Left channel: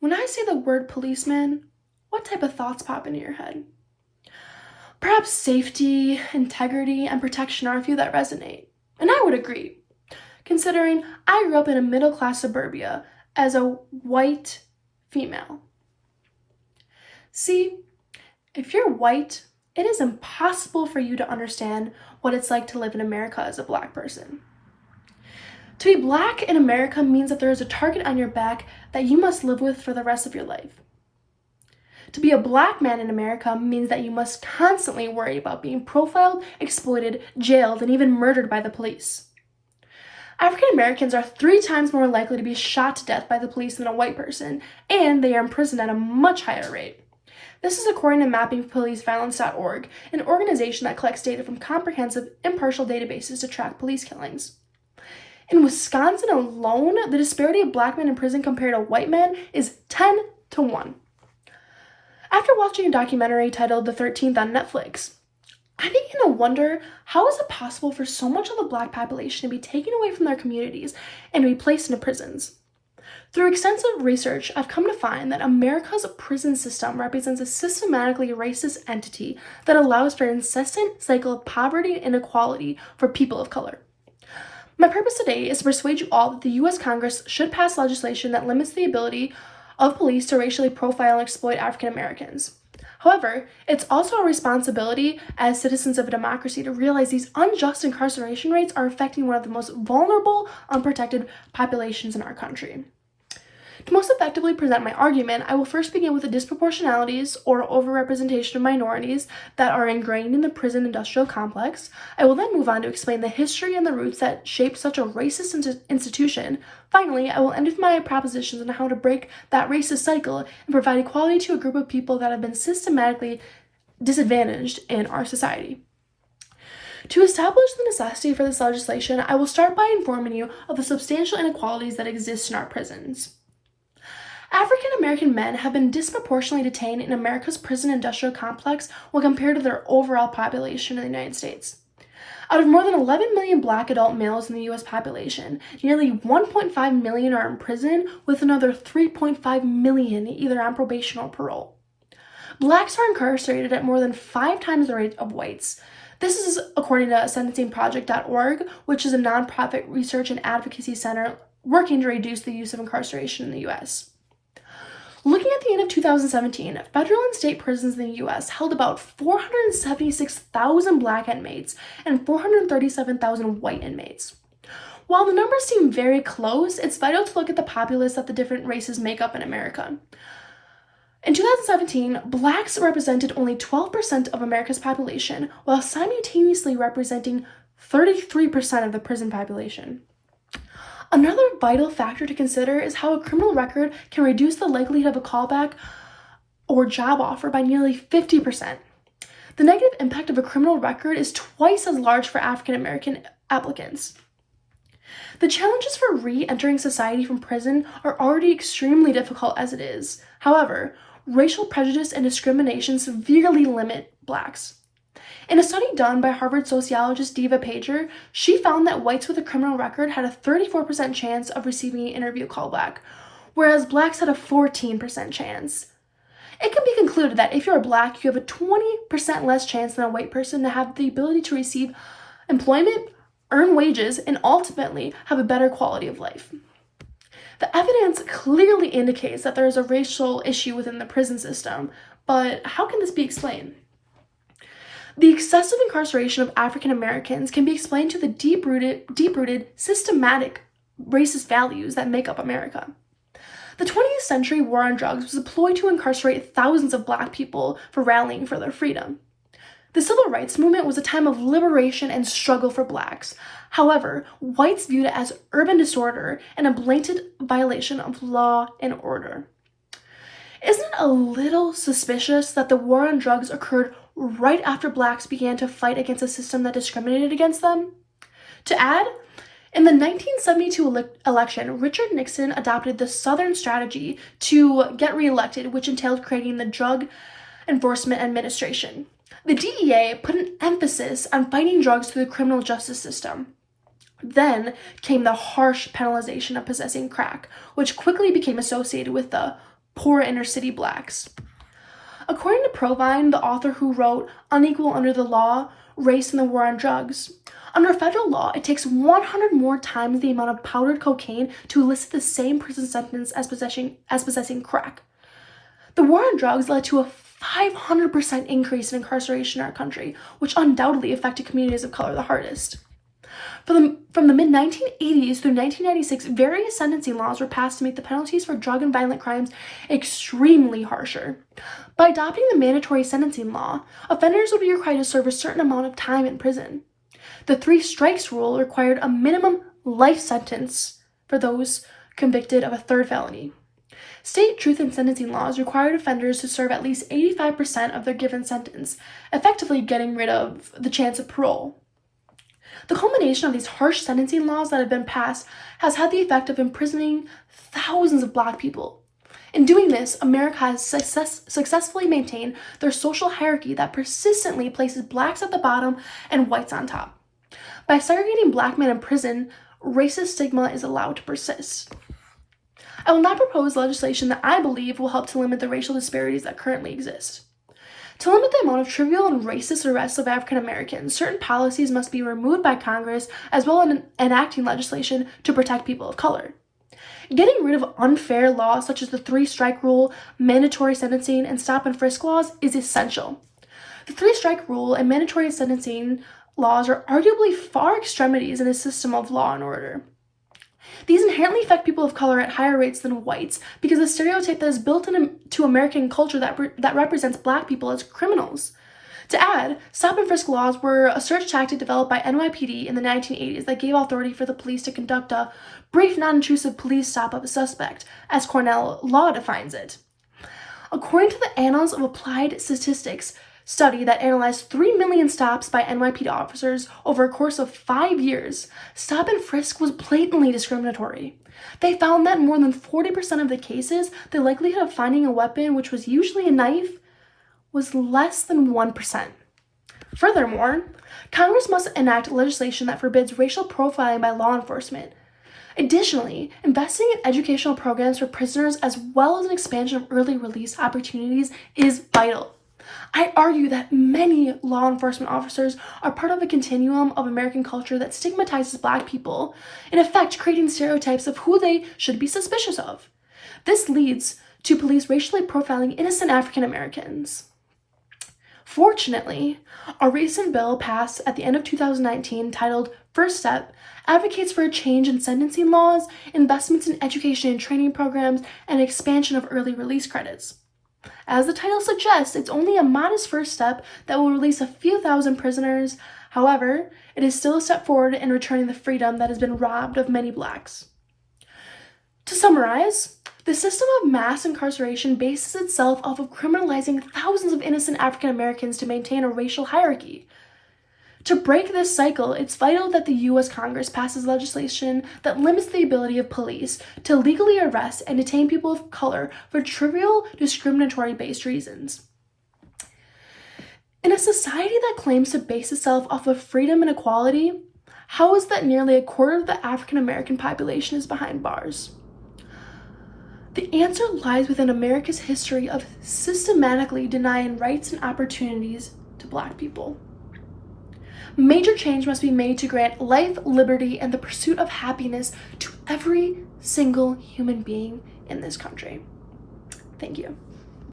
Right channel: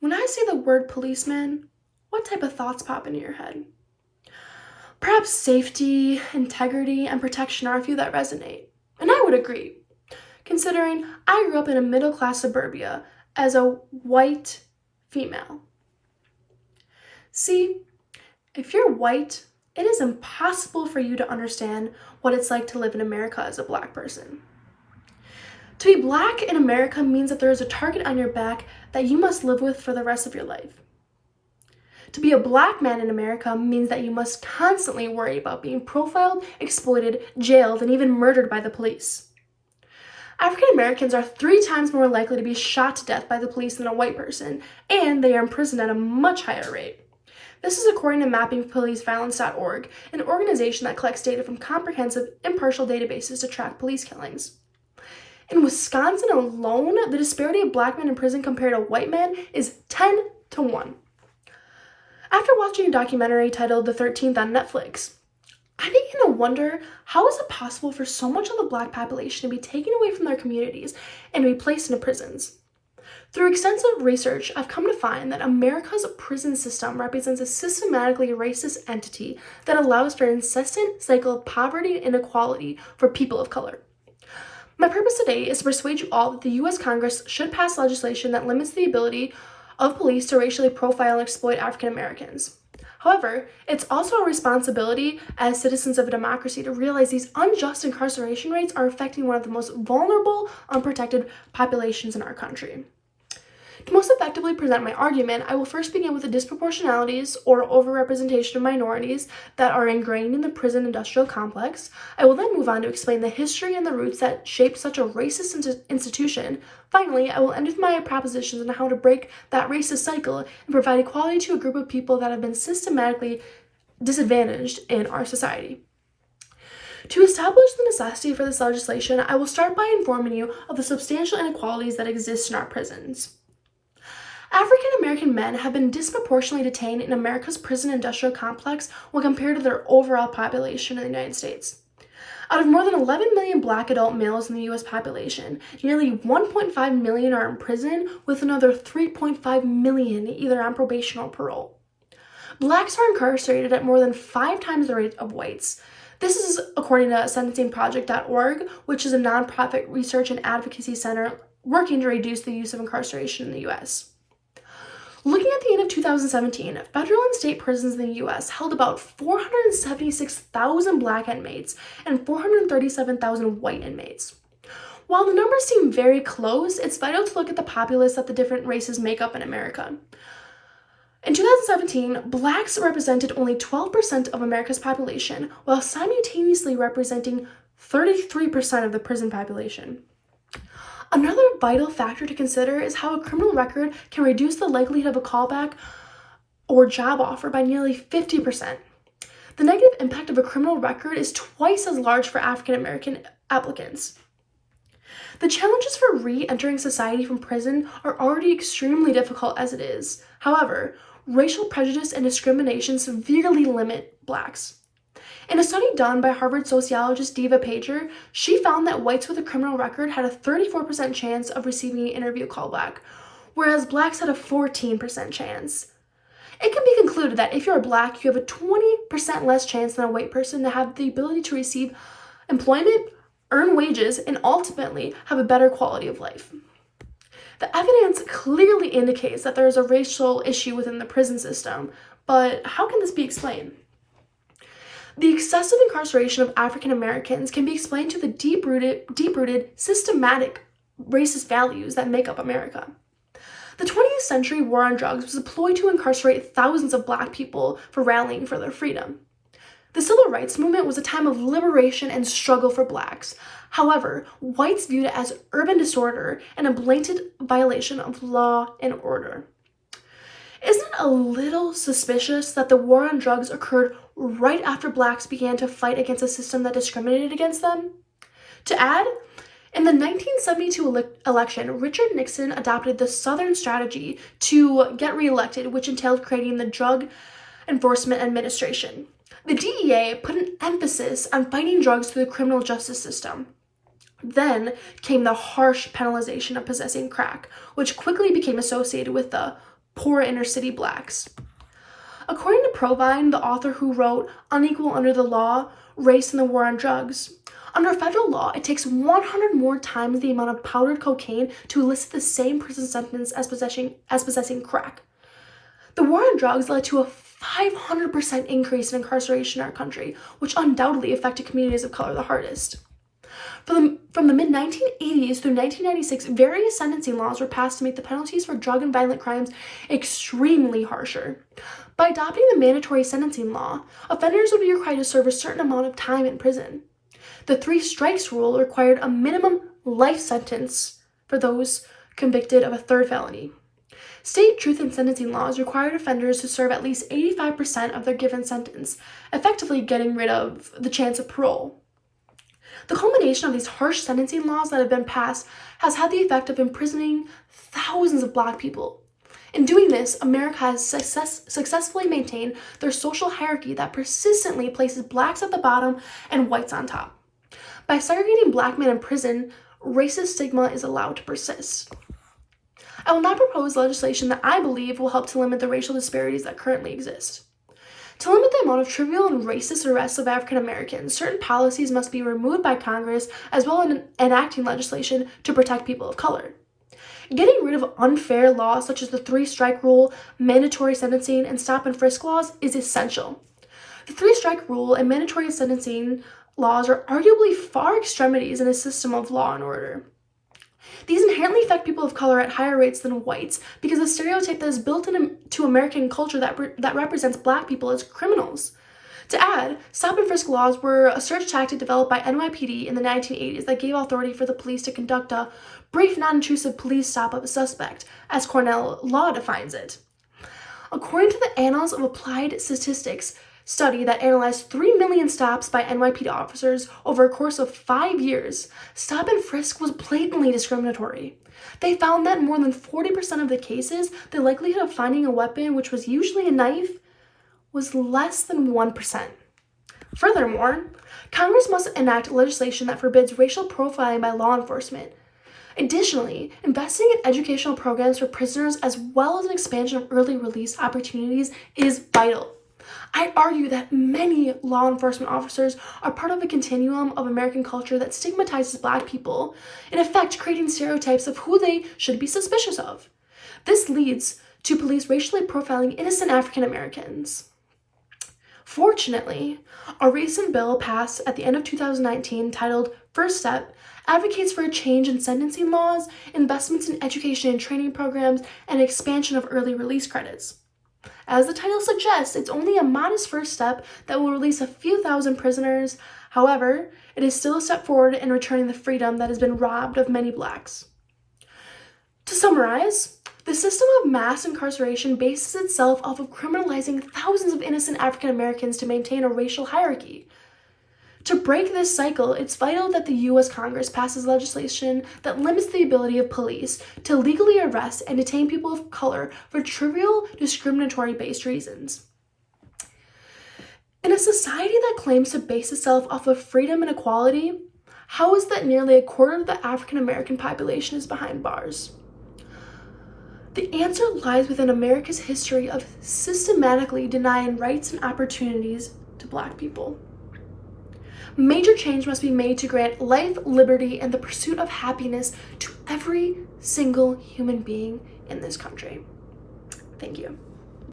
When I say the word policeman, what type of thoughts pop into your head? Perhaps safety, integrity, and protection are a few that resonate. And I would agree, considering I grew up in a middle-class suburbia as a white female. See, if you're white, it is impossible for you to understand what it's like to live in America as a black person. To be black in America means that there is a target on your back that you must live with for the rest of your life. To be a black man in America means that you must constantly worry about being profiled, exploited, jailed, and even murdered by the police. African Americans are 3 times more likely to be shot to death by the police than a white person, and they are imprisoned at a much higher rate. This is according to mappingpoliceviolence.org, an organization that collects data from comprehensive, impartial databases to track police killings. In Wisconsin alone, the disparity of black men in prison compared to white men is 10 to 1. After watching a documentary titled The 13th on Netflix, I began to wonder, how is it possible for so much of the black population to be taken away from their communities and be placed into prisons? Through extensive research, I've come to find that America's prison system represents a systematically racist entity that allows for an incessant cycle of poverty and inequality for people of color. My purpose today is to persuade you all that the U.S. Congress should pass legislation that limits the ability of police to racially profile and exploit African Americans. However, it's also our responsibility as citizens of a democracy to realize these unjust incarceration rates are affecting one of the most vulnerable, unprotected populations in our country. To most effectively present my argument, I will first begin with the disproportionalities or overrepresentation of minorities that are ingrained in the prison industrial complex. I will then move on to explain the history and the roots that shape such a racist institution. Finally, I will end with my propositions on how to break that racist cycle and provide equality to a group of people that have been systematically disadvantaged in our society. To establish the necessity for this legislation, I will start by informing you of the substantial inequalities that exist in our prisons. African American men have been disproportionately detained in America's prison industrial complex when compared to their overall population in the United States. Out of more than 11 million black adult males in the U.S. population, nearly 1.5 million are in prison, with another 3.5 million either on probation or parole. Blacks are incarcerated at more than 5 times the rate of whites. This is according to sentencingproject.org, which is a nonprofit research and advocacy center working to reduce the use of incarceration in the U.S. Looking at the end of 2017, federal and state prisons in the U.S. held about 476,000 black inmates and 437,000 white inmates. While the numbers seem very close, it's vital to look at the populace that the different races make up in America. In 2017, blacks represented only 12% of America's population, while simultaneously representing 33% of the prison population. Another vital factor to consider is how a criminal record can reduce the likelihood of a callback or job offer by nearly 50%. The negative impact of a criminal record is twice as large for African American applicants. The challenges for re-entering society from prison are already extremely difficult as it is. However, racial prejudice and discrimination severely limit blacks. In a study done by Harvard sociologist Diva Pager, she found that whites with a criminal record had a 34% chance of receiving an interview callback, whereas blacks had a 14% chance. It can be concluded that if you're black, you have a 20% less chance than a white person to have the ability to receive employment, earn wages, and ultimately have a better quality of life. The evidence clearly indicates that there is a racial issue within the prison system, but how can this be explained? The excessive incarceration of African Americans can be explained to the deep-rooted, systematic racist values that make up America. The 20th century war on drugs was a ploy to incarcerate thousands of black people for rallying for their freedom. The civil rights movement was a time of liberation and struggle for blacks. However, whites viewed it as urban disorder and a blatant violation of law and order. Isn't it a little suspicious that the war on drugs occurred right after blacks began to fight against a system that discriminated against them? To add, in the 1972 election, Richard Nixon adopted the Southern strategy to get reelected, which entailed creating the Drug Enforcement Administration. The DEA put an emphasis on fighting drugs through the criminal justice system. Then came the harsh penalization of possessing crack, which quickly became associated with the poor inner city blacks. According to Provine, the author who wrote Unequal Under the Law, Race and the War on Drugs, under federal law, it takes 100 more times the amount of powdered cocaine to elicit the same prison sentence as possessing crack. The war on drugs led to a 500% increase in incarceration in our country, which undoubtedly affected communities of color the hardest. From the mid-1980s through 1996, various sentencing laws were passed to make the penalties for drug and violent crimes extremely harsher. By adopting the mandatory sentencing law, offenders would be required to serve a certain amount of time in prison. The 3 strikes rule required a minimum life sentence for those convicted of a 3rd felony. State truth in sentencing laws required offenders to serve at least 85% of their given sentence, effectively getting rid of the chance of parole. The culmination of these harsh sentencing laws that have been passed has had the effect of imprisoning thousands of Black people. In doing this, America has successfully maintained their social hierarchy that persistently places Blacks at the bottom and whites on top. By segregating Black men in prison, racist stigma is allowed to persist. I will not propose legislation that I believe will help to limit the racial disparities that currently exist. To limit the amount of trivial and racist arrests of African Americans, certain policies must be removed by Congress, as well as enacting legislation to protect people of color. Getting rid of unfair laws such as the 3-strike rule, mandatory sentencing, and stop and frisk laws is essential. The 3-strike rule and mandatory sentencing laws are arguably far extremities in a system of law and order. These inherently affect people of color at higher rates than whites because the stereotype that is built into American culture that represents Black people as criminals. To add, stop and frisk laws were a search tactic developed by NYPD in the 1980s that gave authority for the police to conduct a brief, non-intrusive police stop of a suspect, as Cornell law defines it. According to the Annals of Applied Statistics study that analyzed 3 million stops by NYPD officers over a course of 5 years, stop and frisk was blatantly discriminatory. They found that in more than 40% of the cases, the likelihood of finding a weapon, which was usually a knife, was less than 1%. Furthermore, Congress must enact legislation that forbids racial profiling by law enforcement. Additionally, investing in educational programs for prisoners as well as an expansion of early release opportunities is vital. I argue that many law enforcement officers are part of a continuum of American culture that stigmatizes Black people, in effect creating stereotypes of who they should be suspicious of. This leads to police racially profiling innocent African Americans. Fortunately, a recent bill passed at the end of 2019 titled First Step advocates for a change in sentencing laws, investments in education and training programs, and expansion of early release credits. As the title suggests, it's only a modest first step that will release a few thousand prisoners. However, it is still a step forward in returning the freedom that has been robbed of many Blacks. To summarize, the system of mass incarceration bases itself off of criminalizing thousands of innocent African Americans to maintain a racial hierarchy. To break this cycle, it's vital that the U.S. Congress passes legislation that limits the ability of police to legally arrest and detain people of color for trivial, discriminatory-based reasons. In a society that claims to base itself off of freedom and equality, how is that nearly a quarter of the African American population is behind bars? The answer lies within America's history of systematically denying rights and opportunities to Black people. Major change must be made to grant life, liberty, and the pursuit of happiness to every single human being in this country. Thank you.